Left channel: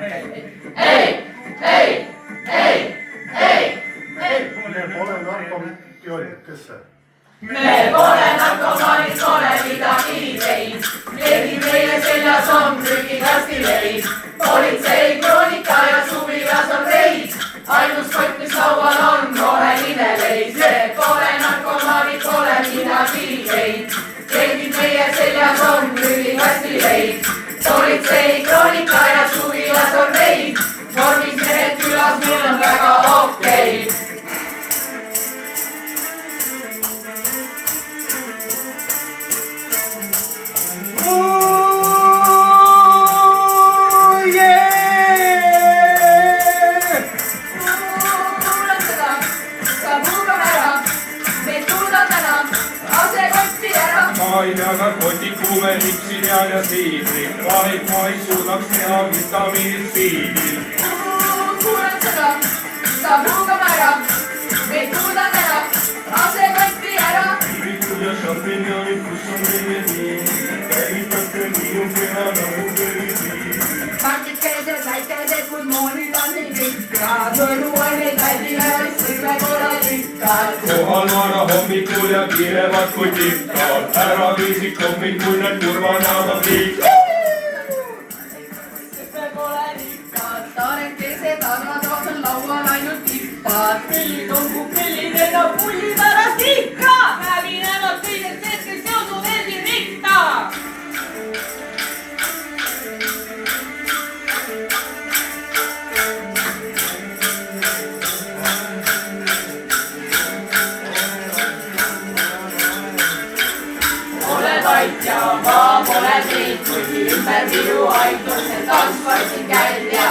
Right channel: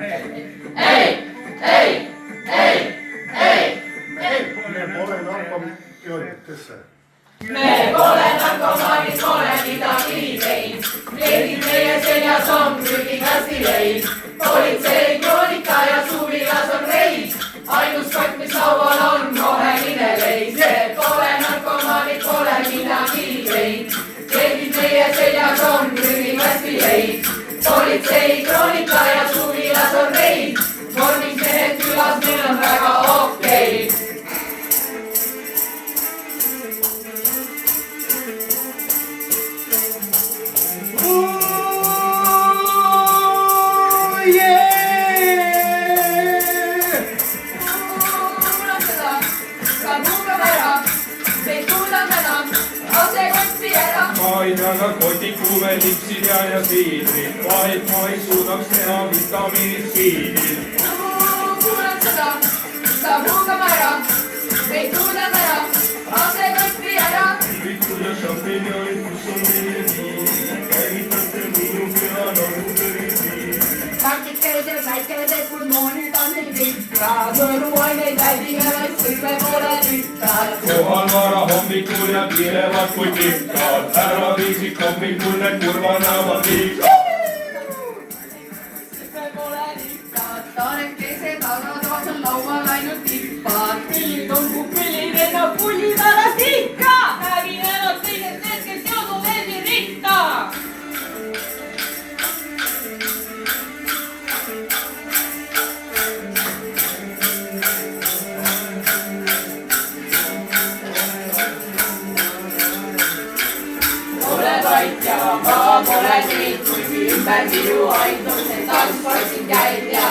ei, ei, ei, ei, ei. Me pole narkomaanid, kes see? Me pole narkomaanid, pole midagi teinud. Keegi meie seljas on prügikastileid. Politsei kroonika ja suvilas on reis. Ainus kott, mis laual on roheline leis. Me pole narkomaanid, pole midagi teinud. Keegi meie seljas on prügikastileid. Politsei kroonika ja suvilas on reis. Vormis mehed külas, meil on väga okei. Ma ei taga kotikuve lipsi peal ja siidri, vaid ma ei suudaks teha vitamiinid siidri. Kuulen seda, saab huugama ära, ei suuda täna, lase kotti ära. Vikud ja šampinjonid, kus on veneviin, käivitate minu pea nagu veneviin. Markikesed, väikesed, kui moonid on nii pikad, võru on neid väldile, vaid kõik me pole tükkad. Kohal vara hommikul ja kirevad kui tikkad, ära viisik hommikul need kurva näovad liikad. Kõik me pole tükkad, taarekesed, aga taas on laual ainult tippad. Pillikongu pillid enda pulli pärast ikka, räägin ainult teisest need, kes teodu veelgi rikka. Vait ja ma pole siit, kuigi ümber minu aituse tantspartid käid ja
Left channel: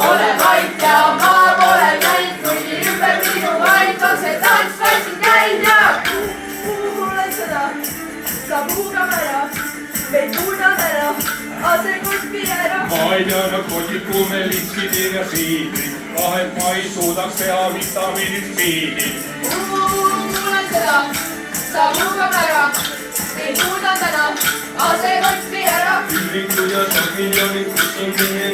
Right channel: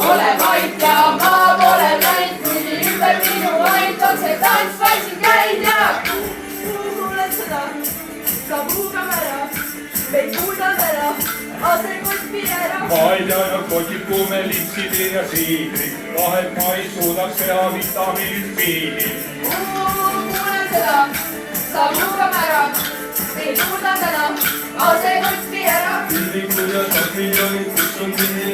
ole vait ja ma pole käinud, kuigi ümber minu aituse tantspartid käid ja kuulen seda, saab huugama ära, meid kuulab ära, asel kuskil ära. Ma ei peana kotikuve lipsi ja siidri, vahet ma ei suudaks teha vitamiinid siidri. Kuulen seda, saab huugama ära, ei suuda täna, ase kotti ära. Vikud ja šampinjonid, kus on veneviin.